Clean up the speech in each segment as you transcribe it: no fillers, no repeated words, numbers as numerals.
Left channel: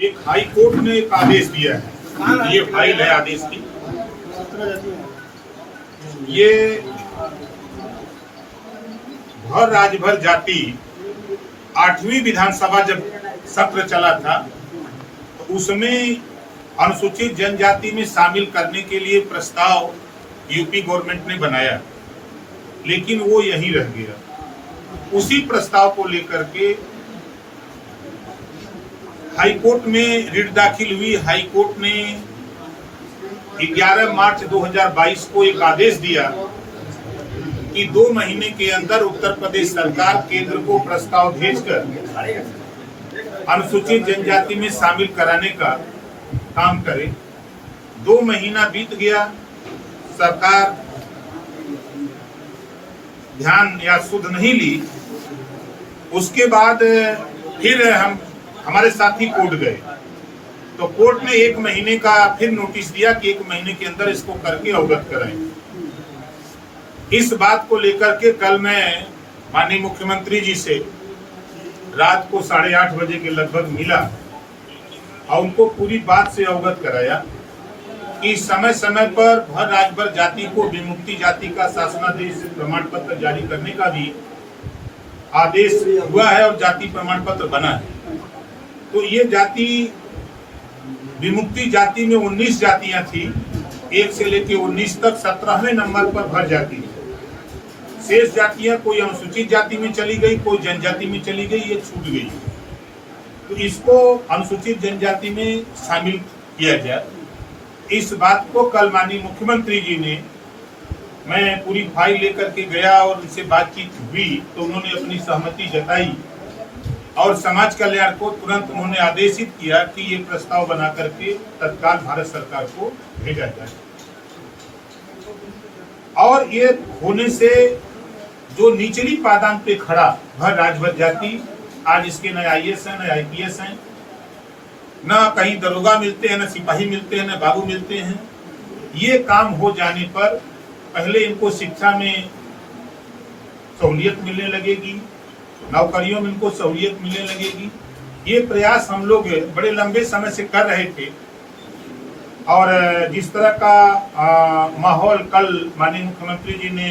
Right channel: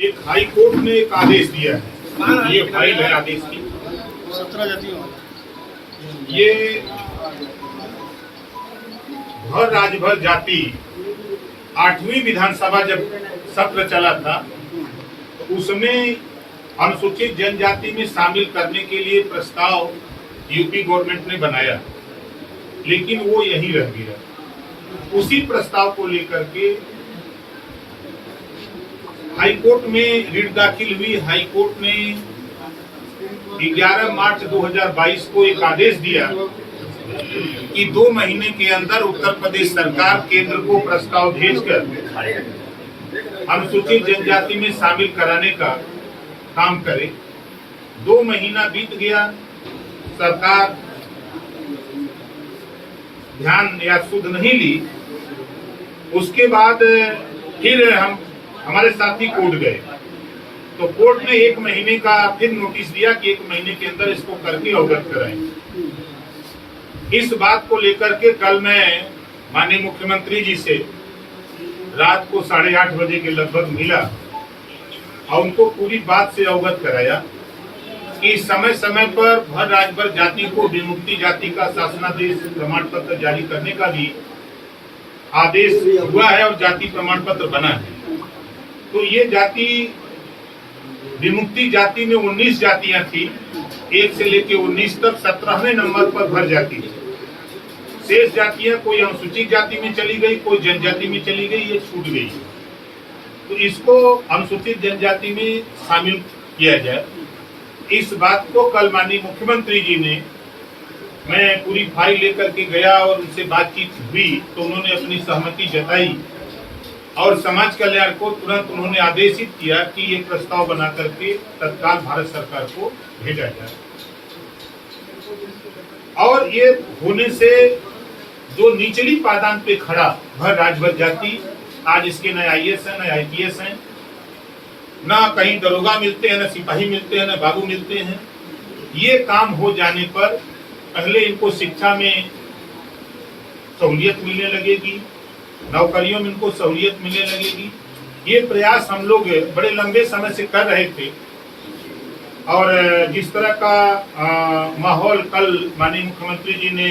एक high court ने एक आदेश दिया है, ये फाइल है आदेश की। 17 जातियों ये भर राजभर जाति 8वीं विधानसभा जब सत्र चला था तो उसमें अनुसूचित जनजाति में शामिल करने के लिए प्रस्ताव यूपी गवर्नमेंट ने बनाया, लेकिन वो यहीं रह गया। उसी प्रस्ताव को लेकर के हाई कोर्ट में रिट दाखिल हुई। हाई कोर्ट ने 11 मार्च 2022 को एक आदेश दिया कि 2 महीने के अंदर उत्तर प्रदेश सरकार केंद्र को प्रस्ताव भेजकर अनुसूचित जनजाति में शामिल कराने का काम करे। 2 महीना बीत गया, सरकार ध्यान या सुध नहीं ली। उसके बाद फिर हमारे साथी कोर्ट गए तो कोर्ट ने 1 महीने का फिर नोटिस दिया कि 1 महीने के अंदर इसको करके अवगत कराएं। इस बात को लेकर के कल मैं माननीय मुख्यमंत्री जी से रात को 8:30 बजे के लगभग मिला और उनको पूरी बात से अवगत कराया कि समय समय पर भर राजभर जाति को विमुक्ति जाति का शासनादेश प्रमाण पत्र जारी करने का भी आदेश हुआ है और जाति प्रमाण पत्र बना है। तो ये जाति विमुक्ति जाति में 19 जातियां थी, 1 से लेकर 19 तक 17वें नंबर पर भर जाति है। शेष जातियां कोई अनुसूचित जाति में चली गई, कोई जनजाति में चली गई, ये छूट गई। तो इसको अनुसूचित जनजाति में शामिल किया जाए, इस बात को कल माननीय मुख्यमंत्री जी ने, मैं पूरी फाइल लेकर के गया और उनसे बातचीत हुई तो उन्होंने अपनी सहमति जताई और समाज कल्याण को तुरंत उन्होंने आदेशित किया कि ये प्रस्ताव बना करके तत्काल भारत सरकार को भेजा जाए। और ये होने से जो निचली पायदान पे खड़ा भर राजभर जाति, आज इसके न IAS है न IPS है, न कहीं दरोगा मिलते हैं, न सिपाही मिलते हैं, न बाबू मिलते हैं। ये काम हो जाने पर पहले इनको शिक्षा में सहूलियत मिलने लगेगी, नौकरियों में इनको सहूलियत मिलने लगेगी। ये प्रयास हम लोग बड़े लंबे समय से कर रहे थे और जिस तरह का माहौल कल माननीय मुख्यमंत्री जी ने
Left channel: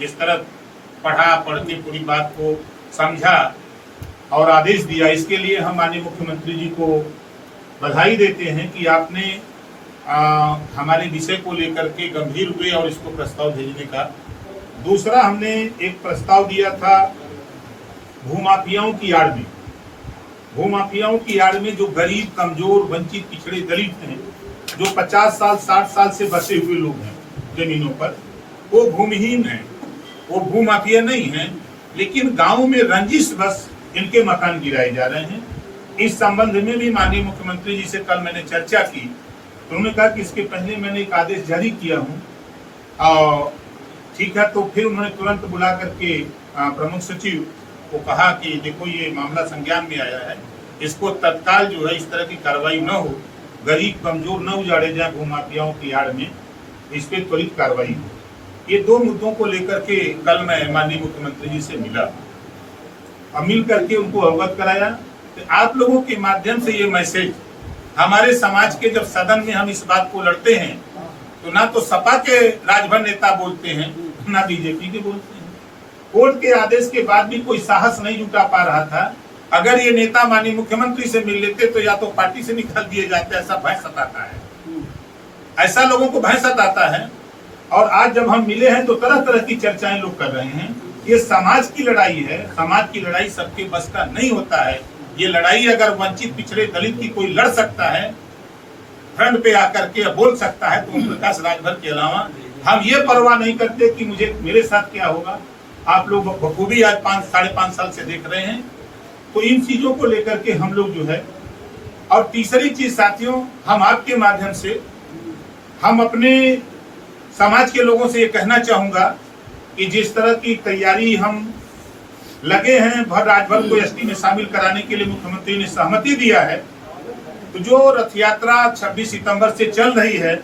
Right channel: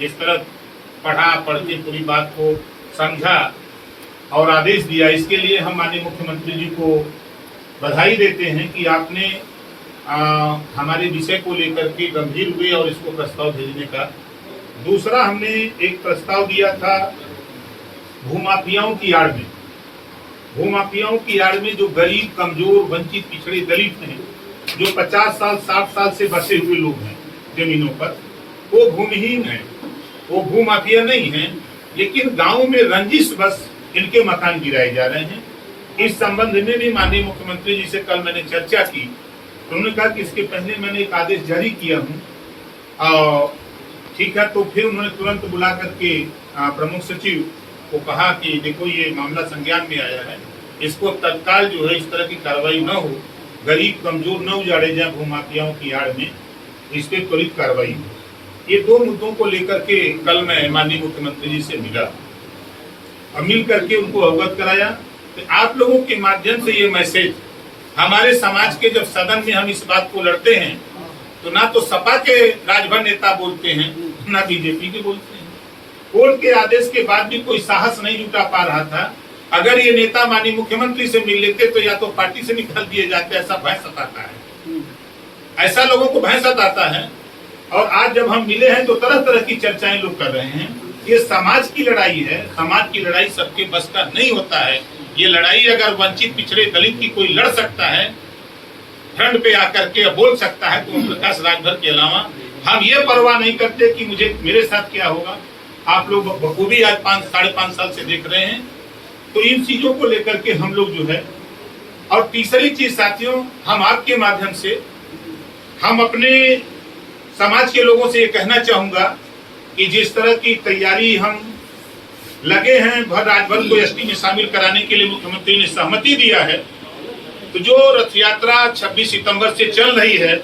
जिस तरह पढ़ के पूरी बात को समझा और आदेश दिया, इसके लिए हम माननीय मुख्यमंत्री जी को बधाई देते हैं कि आपने हमारे विषय को लेकर के गंभीर हुए और इसको प्रस्ताव भेजने का। दूसरा, हमने एक प्रस्ताव दिया था भूमाफियाओं की आड़ में। भूमाफियाओं की आड़ में जो गरीब, कमजोर, वंचित, पिछड़े दलित हैं, जो 50 साल 60 साल से बसे हुए लोग हैं जमीनों पर, वो भूमिहीन हैं, वो भूमाफिया नहीं हैं, लेकिन गाँव में रंजिश बस इनके मकान गिराए जा रहे हैं। इस संबंध में भी माननीय मुख्यमंत्री जी से कल मैंने चर्चा की तो उन्होंने कहा कि इसके पहले मैंने एक आदेश जारी किया हूँ और ठीक है। तो फिर उन्होंने तुरंत बुला करके प्रमुख सचिव को कहा कि देखो ये मामला संज्ञान में आया है, इसको तत्काल जो है इस तरह की कार्रवाई न हो, गरीब कमजोर न उजाड़े जाए भूमाफियाओं की आड़ में, इस पर त्वरित कार्रवाई हो। ये 2 मुद्दों को लेकर के कल मैं माननीय मुख्यमंत्री जी से मिला और मिल करके उनको अवगत कराया। तो आप लोगों के माध्यम से ये मैसेज हमारे समाज के, जब सदन में हम इस बात को लड़ते हैं तो ना तो सपा के राजभर नेता बोलते हैं, ना बीजेपी के बोलते हैं। कोर्ट के आदेश के बाद भी कोई साहस नहीं जुटा पा रहा था। अगर ये नेता माननीय मुख्यमंत्री से मिल लेते तो या तो पार्टी से निकाल दिए जाते, ऐसा भय सताता है, ऐसा लोगों को भय सताता है। और आज जब हम मिले हैं तो तरह तरह की चर्चाएं लोग कर रहे हैं। ये समाज की लड़ाई है, समाज की लड़ाई सबके बस का नहीं होता है। ये लड़ाई अगर वंचित, पिछड़े, दलित की कोई लड़ सकता है, फ्रंट पे आकर के बोल सकता है, तो ओम प्रकाश राजभर के अलावा हम ये परवाह नहीं करते कि मेरे साथ क्या होगा। आप लोग बखूबी आज 5-5.5 साल से देख रहे हैं। तो इन चीजों को लेकर के हम लोग जो है, और तीसरी चीज साथियों, हम आपके माध्यम से हम अपने समाज के लोगों से ये कहना चाहूंगा कि जिस तरह की तैयारी हम लगे हैं भर राजभर को एसटी में शामिल कराने के लिए मुख्यमंत्री ने सहमति दिया है, तो जो रथ यात्रा 26 सितंबर से चल रही है,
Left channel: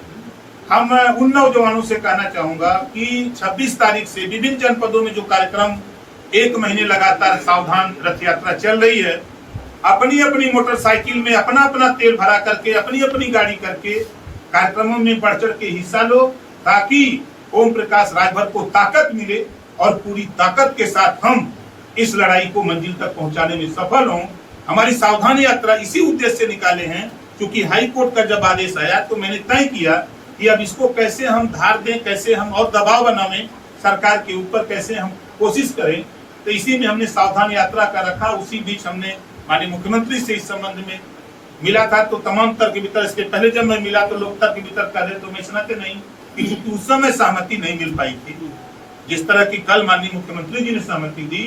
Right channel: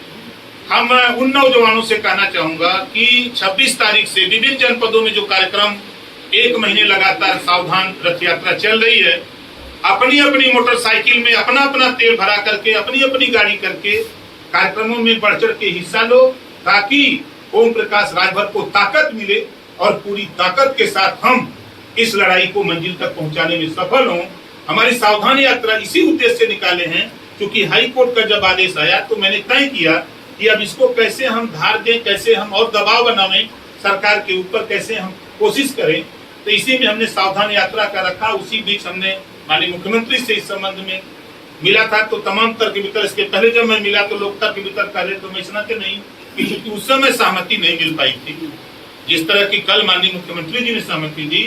हम उन नौजवानों से कहना चाहूंगा कि 26 तारीख से विभिन्न जनपदों में जो कार्यक्रम 1 महीने लगातार सावधान रथ यात्रा चल रही है, अपनी अपनी मोटरसाइकिल में अपना अपना तेल भरा करके अपनी अपनी गाड़ी करके कार्यक्रमों में बढ़ चढ़ के हिस्सा लो, ताकि ओम प्रकाश राजभर को ताकत मिले और पूरी ताकत के साथ हम इस लड़ाई को मंजिल तक पहुंचाने में सफल हों। हमारी सावधानी यात्रा इसी उद्देश्य से निकाले हैं, क्योंकि हाई कोर्ट का जब आदेश आया तो मैंने तय किया कि अब इसको कैसे हम धार दें, कैसे हम और दबाव बनावें सरकार के ऊपर, कैसे हम कोशिश करें। तो इसी में हमने सावधान यात्रा का रखा। उसी बीच हमने माननीय मुख्यमंत्री से इस संबंध में मिला था, तो तमाम तर्क वितर्क, इसके पहले जब मैं मिला तो लोग तर्क वितर्क कर रहे, तो मैं इस नाते नहीं कि चूंकि उस समय सहमति नहीं मिल पाई थी, जिस तरह की कल माननीय मुख्यमंत्री जी ने सहमति दी,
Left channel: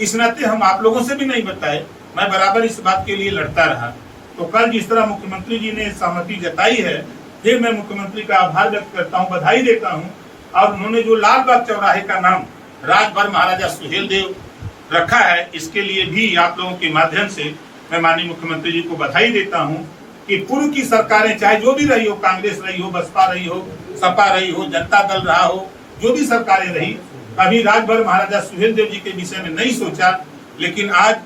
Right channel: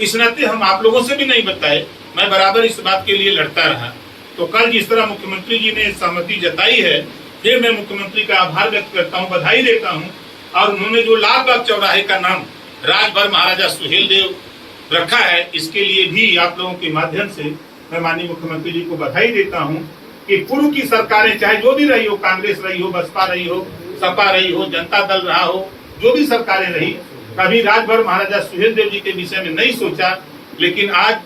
इस नाते हम आप लोगों से भी नहीं बताए, मैं बराबर इस बात के लिए लड़ता रहा। तो कल जिस तरह मुख्यमंत्री जी ने सहमति जताई है, फिर मैं मुख्यमंत्री का आभार व्यक्त करता हूँ, बधाई देता हूँ। और उन्होंने जो लाल बाग चौराहे का नाम राजभर महाराजा सुहेलदेव रखा है, इसके लिए भी आप लोगों के माध्यम से मैं माननीय मुख्यमंत्री जी को बधाई देता हूं कि पूर्व की सरकारें चाहे जो भी रही हो, कांग्रेस रही हो, बसपा रही हो, सपा रही हो, जनता दल रहा हो, जो भी सरकारें रही, कभी राजभर महाराजा सुहेलदेव जी के विषय में नहीं सोचा। लेकिन आज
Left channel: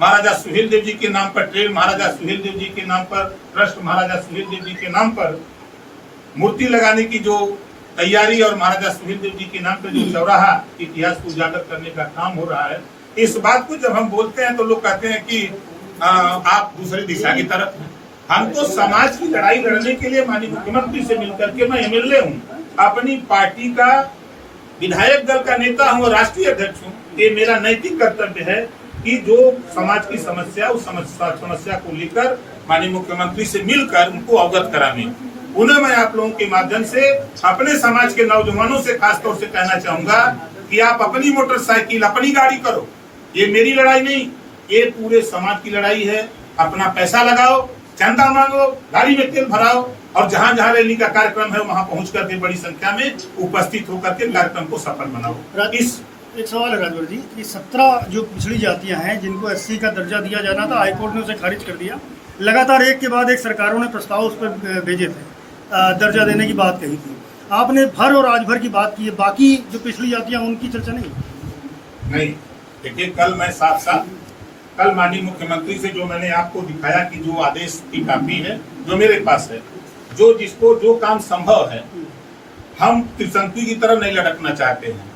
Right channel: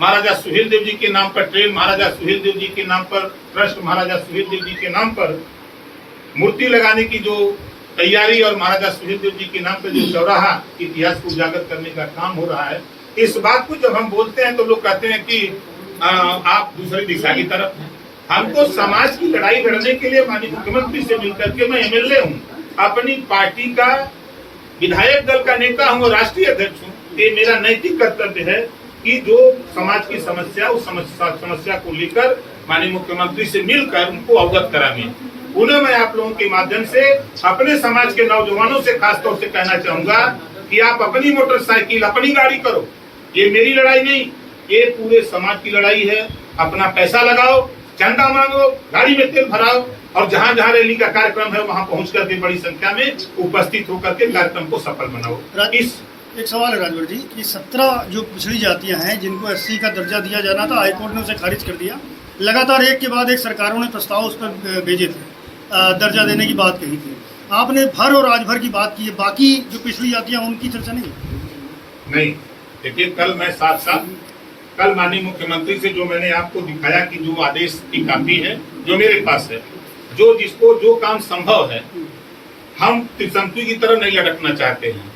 महाराजा सुहेलदेव जी के नाम पर ट्रेन, महाराजा सुहेलदेव जी के नाम पर ट्रस्ट, महाराजा सुहेलदेव जी के नाम पर मूर्ति लगाने की जो तैयारी और महाराजा सुहेलदेव जी के नाम पर जो चौराहा इतिहास को उजागर करने का काम हो रहा है, इस बात को जब हम बोलते हैं तो लोग कहते हैं कि आप दूसरी दिशा की तरफ। हमको समाज की लड़ाई लड़ने के लिए माननीय मुख्यमंत्री से मिलकर के, मैं एमएलए हूँ, अपनी पार्टी का विधायक दल का नेता हूँ और राष्ट्रीय अध्यक्ष हूँ, ये मेरा नैतिक कर्तव्य है कि जो समाज की समस्या, उस समस्या को लेकर माननीय मुख्यमंत्री से मिलकर उनको अवगत कराने। उन्हें मैं आप लोगों के माध्यम से अपने समाज के नौजवानों से खासतौर से कहना चाहूंगा कि आप अपनी मोटरसाइकिल, अपनी गाड़ी करो, ये मेरी लड़ाई नहीं, ये पूरे समाज की लड़ाई है। अपना पैसा लगाओ, चंदा मांगो, गाड़ी में तेल भराओ और जहां जहां रैली का कार्यक्रम है वहां पहुंच करके बड़ी संख्या में उपस्थित होकर के कार्यक्रम को सफल बनाओ। इस एक सवाल है राजभर जी कि 17 जो पिछड़ी जातियां हैं जिनको SC का दर्जा दिया जाना था, हाईकोर्ट ने उसे खारिज कर दिया। लगातार एक के बाद एक सरकारों ने प्रस्ताव उस पर भेजे थे, दर्जा देने की बात कही थी। आपने भर और राजभर की बात की है, बाकी जो पिछड़ी जातियां उनकी चर्चा नहीं। देखिए, कल मैं साथ कल माननीय मुख्यमंत्री से जो मैंने आपको दिखाया कि जो आदेश की कॉपी है जो मेरे पास है, जो जिसको जो काम संभव है, हम त्रिशंकु की तरह नहीं लटकना चाहते हैं।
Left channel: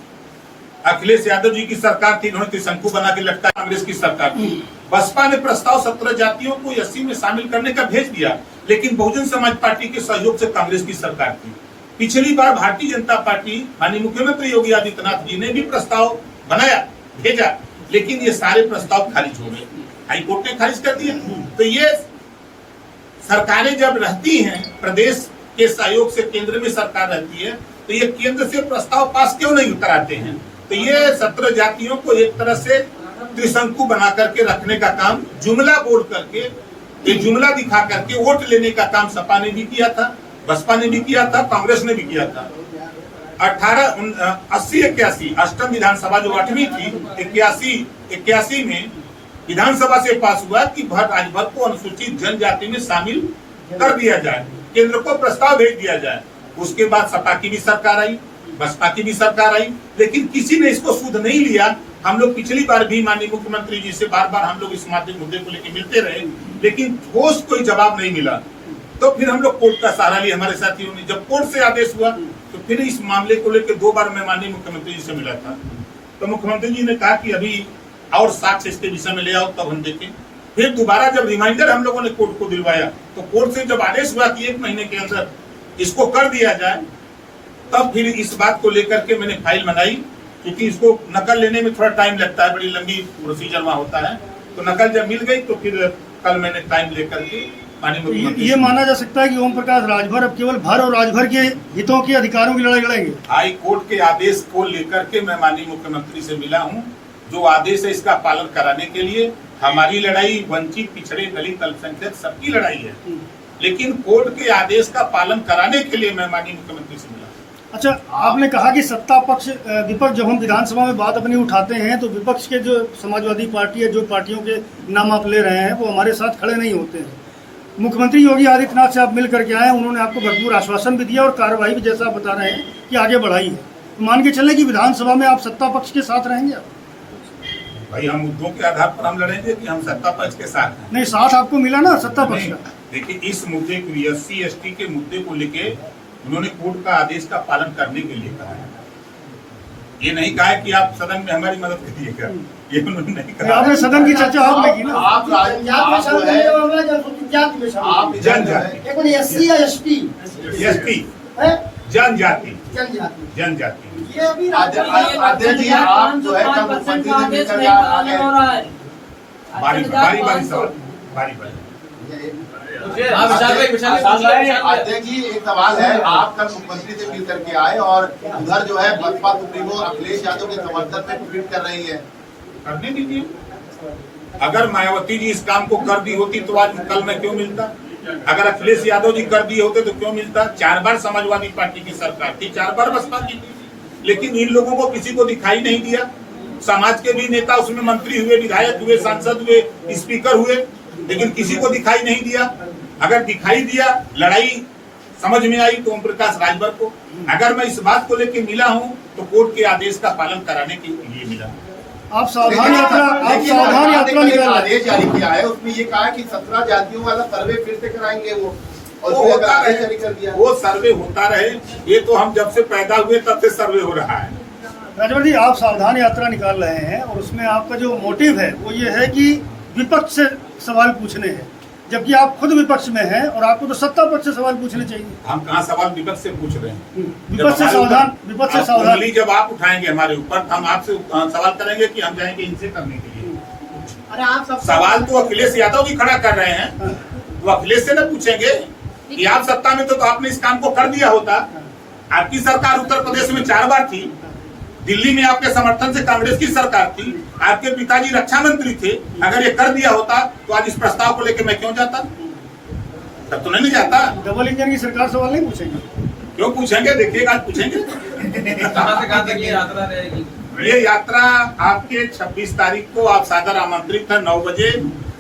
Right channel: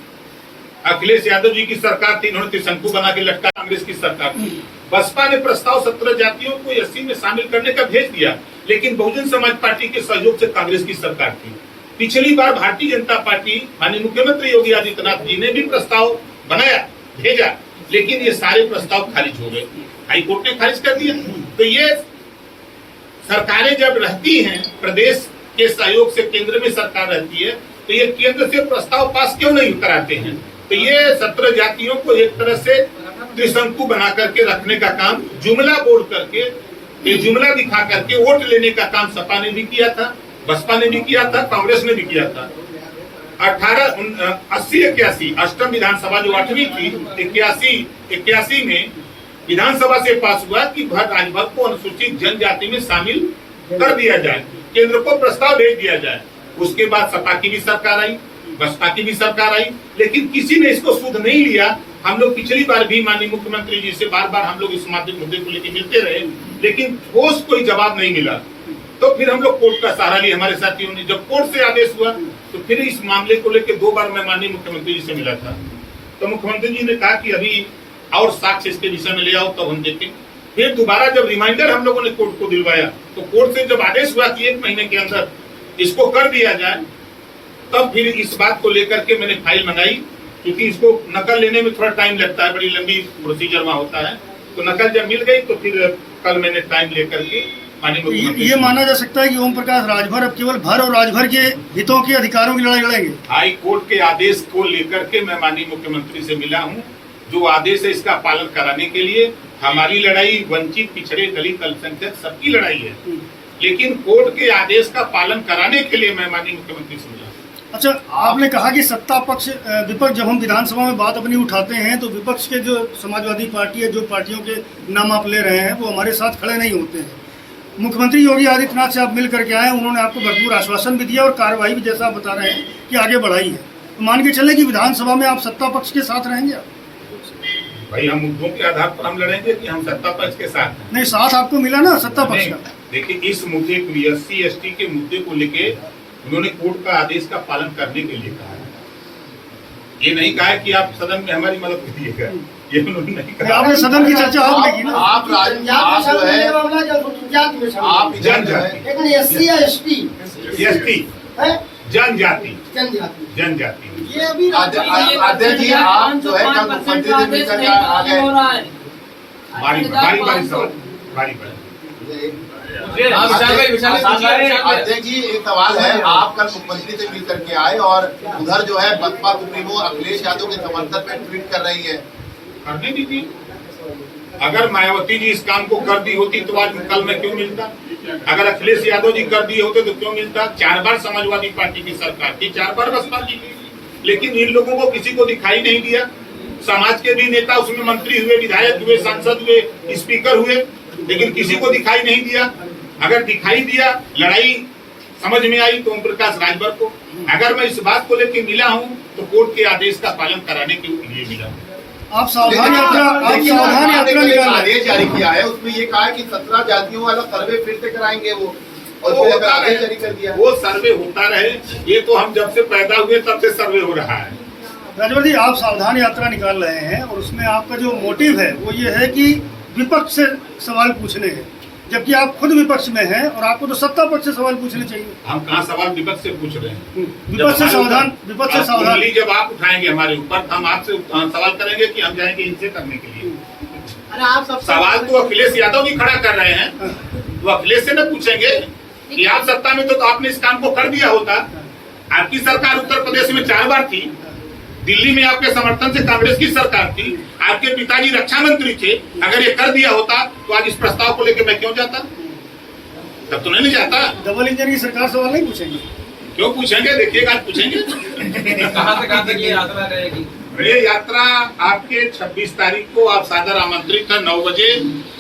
अखिलेश यादव जी की सरकार थी, इन्होंने त्रिशंकु बना के लटका। कांग्रेस की सरकार थी, बसपा ने प्रस्ताव 17 जातियों को SC में शामिल करने का भेज दिया, लेकिन बहुजन समाज पार्टी के सहयोग से कांग्रेस की सरकार थी। पिछली बार भारतीय जनता पार्टी माननीय मुख्यमंत्री योगी आदित्यनाथ जी ने भी प्रस्ताव बनाया, भेजा, लेकिन ये सारे प्रस्ताव खारिज हो गए, हाईकोर्ट ने खारिज कर दिया। तो ये सरकारें जब रहती हैं, प्रदेश के सहयोग से केंद्र में सरकार रहती है, तो ये केंद्र से प्रस्ताव पास क्यों नहीं कराते हैं? तो ये 17 जातियों को एक तरह से त्रिशंकु बना करके रखने का काम, जुमला बोल करके, ये जुमला दिखा करके वोट लेने का काम सपा ने भी किया था, बसपा ने भी किया था, कांग्रेस ने भी किया था। 80-81 अष्टम विधानसभा जो 8वीं थी, 81 में विधानसभा से पास हुआ कि राजभर को अनुसूचित जनजाति में शामिल कर दिया जाए, केंद्र को प्रस्ताव भेज दिया जाए। उसके बाद सपा की भी सरकार आई, बसपा की भी सरकार आई, लेकिन किसी ने इसको सुध नहीं लिया। हम लोग पिछली बार भी माननीय मुख्यमंत्री जी से बार हम लोग इस मुद्दे को लेकर मिलते रहे, लेकिन ठोस कोई जवाब नहीं मिला। तो फिर हम लोग कोर्ट का सहारा लिया, हमारे साथियों ने। जब कोर्ट से आदेश हुआ तो फिर इस मामले को लेकर 2 बार मैं माननीय मुख्यमंत्री जी से मिला था। तो मुख्यमंत्री जी ने कहा कि अभी और साक्ष्य इसके विषय में ले आओ, तब हम देखें। फिर दोबारा जब रिमाइंडर हम लोगों ने कोर्ट को दिलवाया, तो कोर्ट से जब आदेश हुआ कि 1 महीने के अंदर इसको कर दिया जाए, तब फिर इस बात को लेकर के मैंने फाइल मंगाई, क्योंकि इसको नकल लेने में थोड़ा टाइम लगता है, बड़ी लंबी प्रोसीजर वहाँ होता है। तो नकल जब मिल गई तो फिर कल मैंने टाइम लेकर के ये माना जा सकता है कि ओम प्रकाश राजभर अब केवल भर और राजभर के हितों के अधिकारों की लड़ाई लड़ेंगे। हाई कोर्ट के आदेश को लेकर के मैं माननीय मुख्यमंत्री से मिला हूं। जो आदेश है इसका पालन कराने के लिए हमारी लड़ाई वंचित, पिछड़े, दलित, अल्पसंख्यक सबकी लड़ाई है, लेकिन कोर्ट के आदेश का पालन कराने के लिए मैं माननीय मुख्यमंत्री से मिला। अच्छा, आपने कहा कि सत्ता पक्ष विपक्ष, जब हम विधानसभा में बात अपनी उठाते हैं तो विपक्ष के जो समाजवादी पार्टी है, जो पार्टियों के नाम आप ले रहे हैं, वो हमारे साथ खड़े नहीं होते हैं। मुख्यमंत्री योगी आदित्यनाथ से आप मिल करके आए, उन्होंने आपको भरपूर आश्वासन भी दिया और कार्रवाई भी, जैसा आप बता रहे हैं, कि आगे बढ़ाई है। तो मान के चलें कि विधानसभा में आप सत्ता पक्ष के साथ रहेंगे? भाई हम मुद्दों के आधार पर हम लड़ेंगे कि हम सत्ता पक्ष के साथ हैं। नहीं, साथ आपको मिला ना सत्ता पक्ष नहीं, का। देखिए इस मुद्दे को SC ST के मुद्दे को लेके उन्होंने कोर्ट का आदेश का पालन करने के लिए कहा है। ये नहीं कहा है कि आप सदन में हमारी मदद करिएगा, ये उन्होंने नहीं कहा। आपने सदन की चर्चा आपने की ना। आप जो है आप जनजाति SC या ST ST है जनजाति जनजाति जनजाति ये अभी अध्यक्ष जी आप जो है कल मुख्यमंत्री से मिलकर आ गए। बारी बारी सवाल बारी बारी अध्यक्ष जी एक सवाल है, आप कल मुख्यमंत्री से मिल करके आए और उधर जो है बसपा सुप्रीमो अखिलेश यादव के समर्थन में ट्वीट कर रही है। करने दीजिए। अगर मायावती जी इस काम को कर दी होती तो आज कल में क्यों मिलता? अगर अखिलेश यादव जी कर दिए होते तो क्यों मिलता? 4 बार समाजवादी पार्टी की सरकार थी, 4 बार बसपा की, लेकिन इन लोगों को किसी को दिखाई नहीं दिया। समाज के भी नेता उसमें मंत्री हुए, विधायक हुए, सांसद हुए, स्पीकर हुए, लेकिन किसी को दिखाई नहीं दिया। अगर दिखाई दिया, लड़ाई समझ में आई तो ओम प्रकाश राजभर को। अगर मैं इस बात को लेकर मिला हूँ तो कोर्ट के आदेश का पालन कराने के लिए मिला हूँ। आप सावधान यात्रा निकाल आदेश जारी किया है, उसमें ये कहा है कि 17 जातियों वाला सर्वे फिर से कराएंगे वो, और वो होता आदेश रहे, जारी कर दिया। वो सर्वे होता रहे। ये तो हम जब से पैदा हुए तब से सर्वे हो रहा है। राजभर जी, आप सावधान यात्रा निकाल रहे हैं और उसमें आपका जो मोटिव है वो ये है कि विपक्ष से सवाल पूछने हैं, जबकि आप खुद विपक्ष में हैं और आपको तो सत्ता पक्ष से सवाल पूछने चाहिए। हम कहाँ सवाल विपक्ष से पूछ रहे हैं? विपक्ष से सावधान, विपक्ष से सावधान। उंगली जब आप उठाएंगे हमारे ऊपर, हम आपसे सवाल करेंगे कि हम जाएंगे इनसे करने के लिए। अरे आप सब सवाल तो अखिलेश यादव भी खड़ा कर रहे हैं, तो अखिलेश से न पूछेंगे कि आप सत्ता में तो आपने इस काम को कर दिया होता। आपकी सरकार उत्तर प्रदेश में 4 बार थी, दिल्ली में आपके समर्थन से कांग्रेस की सरकार थी, आपके पिताजी रक्षा मंत्री थे। अगर ये कर दिया होता तो आज इस प्रस्ताव को लेकर मैं क्यों जाता? तब तो नहीं जाता। डबल इंजन की सरकार सवाल नहीं पूछेंगे? क्यों पूछेंगे? देखिएगा आज पूछेंगे। कहां से कहां तक ये यात्रा रहेगी? ये यात्रा आपके 26 तारीख को आप सादर आमंत्रित है। 9 बजे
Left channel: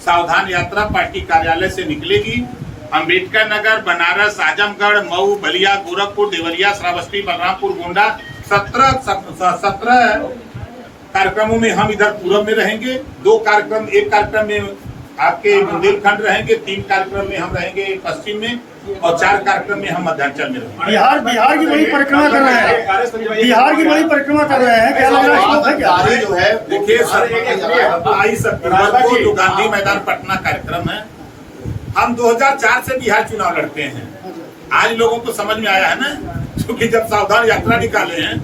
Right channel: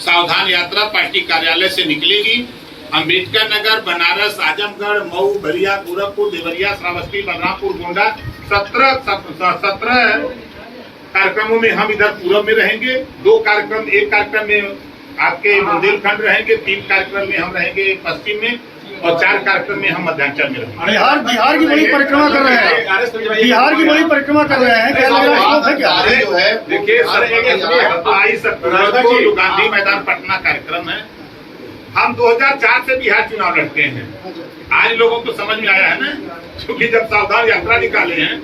सावधान यात्रा पार्टी कार्यालय से निकलेगी। अम्बेडकर नगर, बनारस, आजमगढ़, मऊ, बलिया, गोरखपुर, देवरिया, श्रावस्ती, बलरामपुर, गोंडा 17 कार्यक्रमों में हम इधर पूर्व में रहेंगे। 2 कार्यक्रम, एक कार्यक्रम में आपके बुंदेलखंड रहेंगे, 3 कार्यक्रम में हम रहेंगे पश्चिम में और 4 कार्यक्रम में हम मध्यांचल में रहेंगे। बिहार की बड़ी परिक्रमा कर रहे हैं, बिहार की बड़ी परिक्रमा कर रहे हैं। क्या लग रहा है इसको है क्या? जो है देखिए 22 अक्टूबर को जो गांधी मैदान पटना कार्यक्रम है, हम 2004 से बिहार चुनाव लड़ते हैं। आज लोगों को समझ में आया है ना, क्योंकि जब सावधान यात्रा निकाले हैं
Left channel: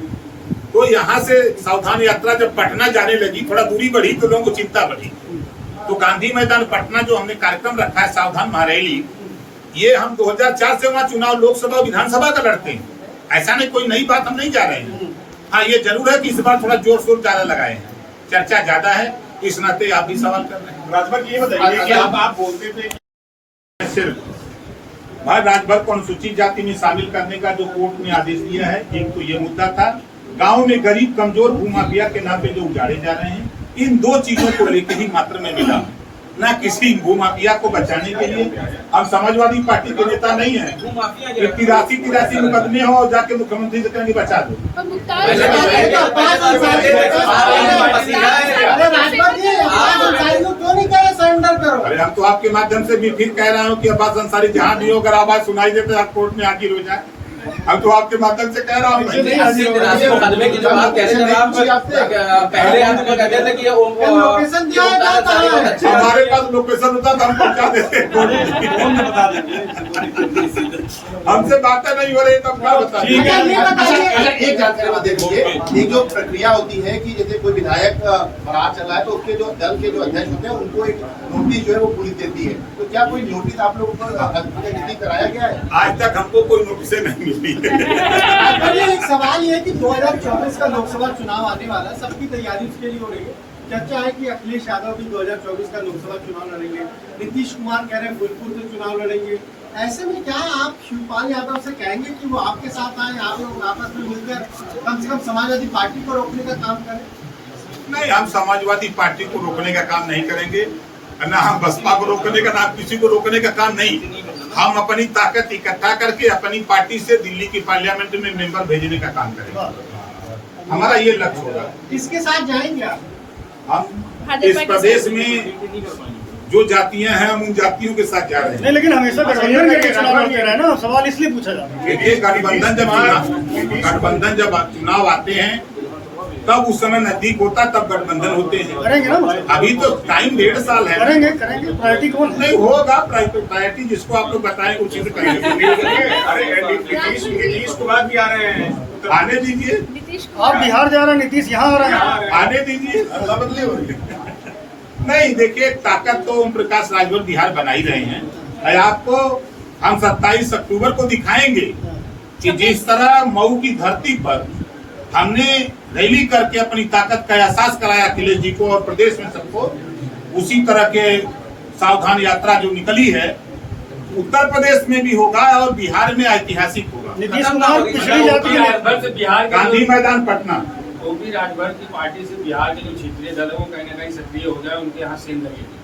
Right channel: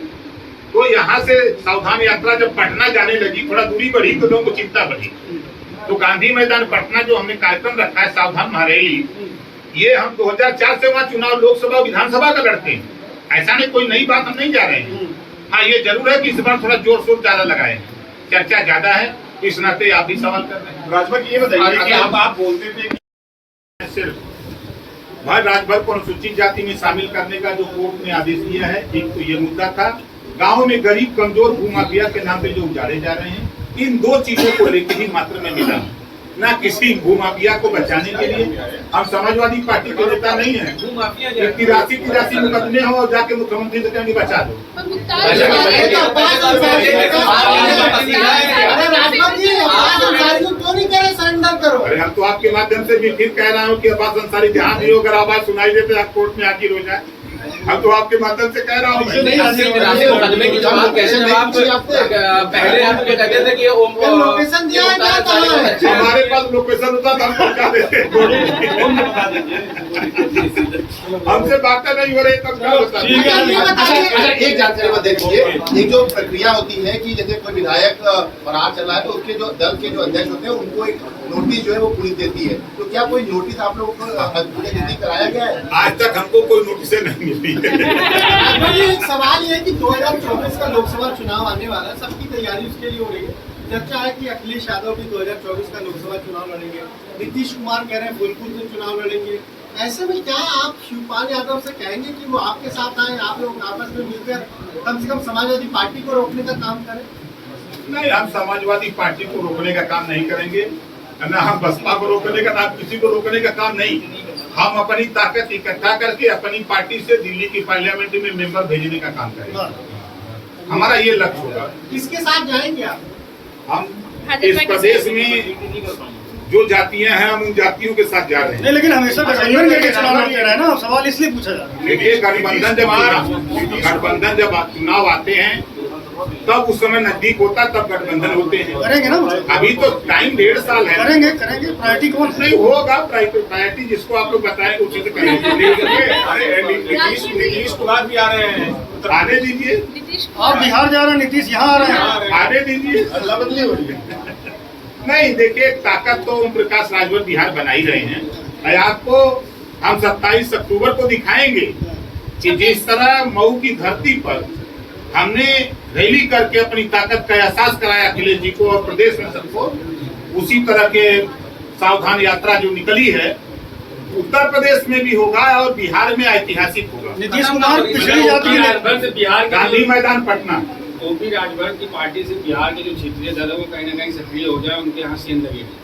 तो यहाँ से सावधान यात्रा जब पटना जाने लगी, थोड़ा दूरी बढ़ी तो लोगों को चिंता बढ़ी। तो गांधी मैदान पटना जो हमने कार्यक्रम रखा है सावधान महारैली, ये हम 2004 से वहाँ चुनाव लोकसभा विधानसभा का लड़ते हैं। ऐसा नहीं, कोई नई बात हम नहीं जा रहे हैं। हाँ, ये जरूर है कि इस बार थोड़ा जोर शोर ज्यादा लगाए हैं, चर्चा ज्यादा है, इस नाते आप भी सवाल कर रहे हैं। राजभर ये बताइए कि आप बोलते थे सिर्फ भाई राजभर को अनुसूचित जाति में शामिल करने का जो कोर्ट ने आदेश दिया है, एक तो ये मुद्दा था। गांव में गरीब कमजोर भूमाफिया के नाम पे जो उजाड़े जा रहे हैं, इन 2 चीजों को लेकर ही मात्र में मिला, ना किसी भूमाफिया को बचाने के लिए। हम समाजवादी पार्टी के नेता नहीं है। 83 मुकदमे हो और जाके मुख्यमंत्री से कहेंगे बचा दो। अरे राजभर जी, अब्बास अंसारी को क्यों नहीं कह रहे सरेंडर करो? अरे हम तो आपके माध्यम से भी फिर कह रहा हूँ कि अब्बास अंसारी जहाँ भी हो, अगर आवाज सुनाई दे तो आप कोर्ट में हाजिर हो जाए। हम तो आपके माध्यम से कह रहा हूँ। मुकदमे की जवाब कैसे जवाब पहले हम तो कहते थे कि ये लोकेशन दिया है ना, कहाँ है? हमारे पास लोकेशन होता तो हम पहुंचा देते। हमसे बातें नहीं हो रही तब क्या बता? एक जानकारी में देखिए, एक जो प्रक्रिया होती है कि जैसे कोई विधायक फरार चला है तो उसके जो दल के जो अध्यक्ष होते हैं उनको एक नोटिस जो है वो पुलिस देती है। तो क्या कोई नोटिस आप लोगों को कराया गया है? आज तक हमको कोई नोटिस नहीं मिली है। एक सवाल ये है कि 2024 का लोकसभा चुनाव आने वाला है, सबकी तैयारी उसके लिए हो रही है। चर्चा है कि अखिलेश यादव भी 2024 का लोकसभा चुनाव लड़ेंगे, नीतीश कुमार कह रहे हैं फूलपुर से चुनाव लड़ेंगे। ऐसे में क्या आप शिवपाल यादव से कहेंगे कि वो आपके साथ आए, आप लोग आपस में मिलकर कम से कम समाजवादी पार्टी को रोकने का काम करें? नहीं, हम समाजवादी पार्टी को रोकने का काम नहीं करेंगे, ना हम बसपा को रोकने का, ना किसी को रोकने का काम नहीं। हम अपनी ताकत इकट्ठा करके अपनी पार्टी से दिल्ली की पार्लियामेंट में मेंबर भेजने का काम करेंगे। हमारा ये लक्ष्य होगा। किसके साथ जाएंगे आप? हम इस प्रदेश में जो जातियां हैं हम उन जातियों के साथ जा रहे हैं। नहीं, लेकिन हमेशा गठबंधन करके चुनाव लड़ते रहे ना, सवाल इसलिए पूछा जा रहा है। देखिए गठबंधन जब चुनाव आते हैं तब उस समय नजदीक होता तब गठबंधन होते हैं। करेंगे ना मतलब? अभी तो टाइम 1.5 साल है। करेंगे प्रायोरिटी कौन है? नहीं होगा प्रायोरिटी जिसको आप लोग बताएंगे उसी से करेंगे। अरे नीतीश कुमार भी आ रहे हैं। आने दीजिए, आप बिहार जा रहे हैं, नीतीश यहाँ आ रहे हैं। आने दीजिए, अदला बदली हो रही है। नहीं देखिए, ताकत तो ओम प्रकाश राजभर बिहार बना ही रहे हैं। आपको हम 27 अक्टूबर को दिखाएंगे कि जिस तरह मऊ की धरती पर हमने रैली करके अपनी ताकत का एहसास कराया अखिलेश जी को और प्रदेश में सबको, उसी तरह के सावधान यात्रा जो निकली है उत्तर प्रदेश में भी होगा और बिहार में ऐतिहासिक होगा। नीतीश कुमार पिछड़ी जाति है। राजभर से बिहार गांधी मैदान पटना, ओपी राजभर की पार्टी से बिहार के जो क्षेत्रीय दल है वो कहीं ना कहीं सक्रिय हो जाए, उनके यहाँ सेंध लगेगी।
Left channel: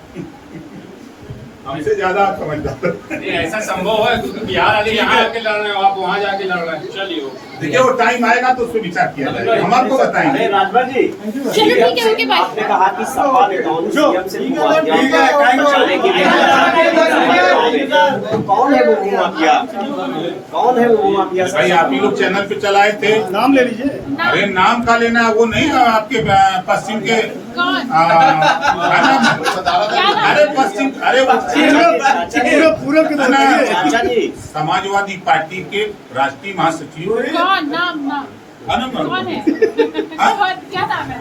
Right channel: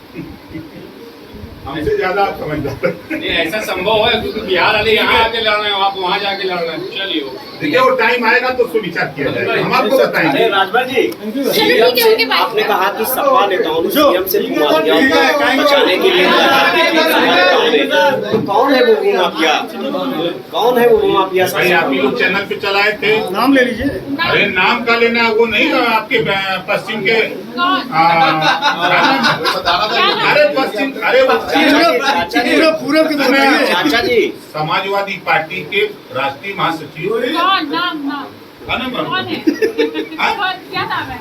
हमसे ज्यादा आप समझदार। नहीं ऐसा संभव है क्योंकि बिहार वाले यहाँ आके लड़ रहे हैं, आप वहाँ जाके लड़ रहे हैं। चलिए देखिए वो टाइम आएगा तो उसको विचार किया जाएगा, हम आपको बताएंगे। अरे राजभर जी, आपने कहा कि सपा नेताओं ने सीएम से माफिया बचाने के लिए, तो कौन है वो माफिया? कौन है वो माफिया? भाई आप ही लोग चैनल पे चलाए थे, नाम ले लीजिए। अरे नाम का लेना वो नहीं आपके पश्चिम के अरे पश्चिम, अरे वो पूरब के बताइए। चाचा जी, समाजवादी पार्टी के राष्ट्रीय महासचिव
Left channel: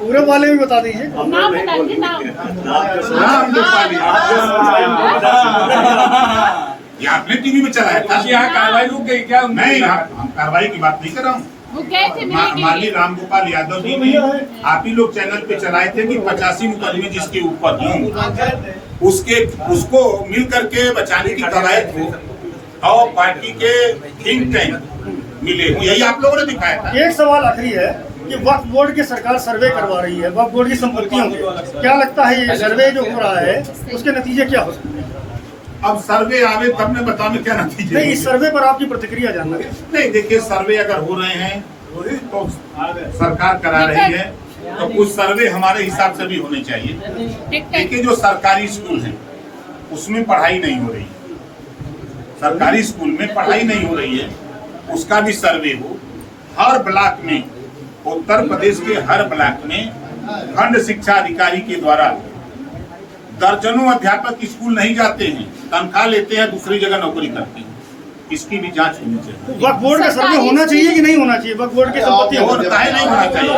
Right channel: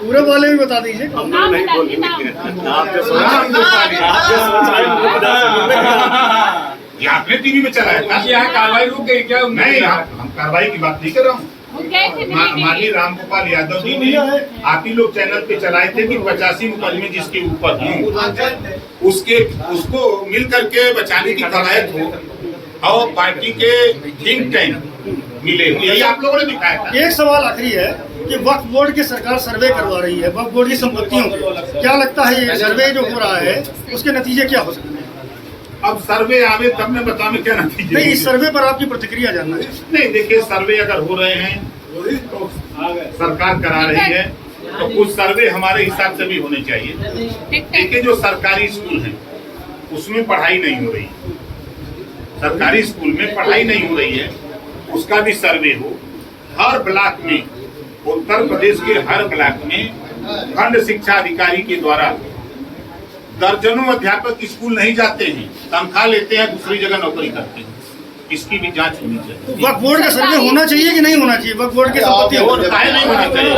पूरब वाले भी बता दीजिए। हम लोग नहीं बोलेंगे। आप जो सोच राम गोपाल आप जो सोच रहे हैं हमको बता ये आपने टीवी में चलाया था। यहाँ कार्रवाई रुक गई क्या? नहीं हम कार्रवाई की बात नहीं कर रहा हूँ। माननीय रामगोपाल यादव जी ने आप ही लोग चैनल पे चलाए थे कि 85 मुकदमे जिसके ऊपर हों उसको मिल करके बचाने की कवायद हो और पार्टी के थिंक टैंक मिले, यही आप लोगों ने दिखाया था। एक सवाल आखिरी है कि वक्फ बोर्ड की सरकार सर्वे करवा रही है वक्फ बोर्ड की संपत्तियों के, क्या लगता है ये सर्वे जो हो रहा है उसके नतीजे क्या हो सकते हैं? अब सर्वे आवे तब मैं बताऊं क्या नतीजे। नहीं, इस सर्वे पर आपकी प्रतिक्रिया जानना है। नहीं देखिए, सर्वे अगर हो रहे हैं तो सरकार करा रही है तो कुछ सर्वे हमारे हिसाब से भी होने चाहिए। देखिए जो सरकारी स्कूल हैं उसमें पढ़ाई नहीं हो रही, सरकारी स्कूल में पढ़ाई नहीं हो रही है, उसका भी सर्वे हो। हर ब्लॉक में, उत्तर प्रदेश के हर ब्लॉक में खंड शिक्षा अधिकारी के द्वारा दर्जनों अध्यापक स्कूल नहीं जाते हैं, तनख्वाह लेते हैं, दूसरी जगह नौकरी करते हैं। इसकी भी जांच होनी चाहिए। वक्फ बोर्ड का सर्वे होना चाहिए कि नहीं होना चाहिए? वक्फ बोर्ड की संपत्तियां नहीं होना चाहिए।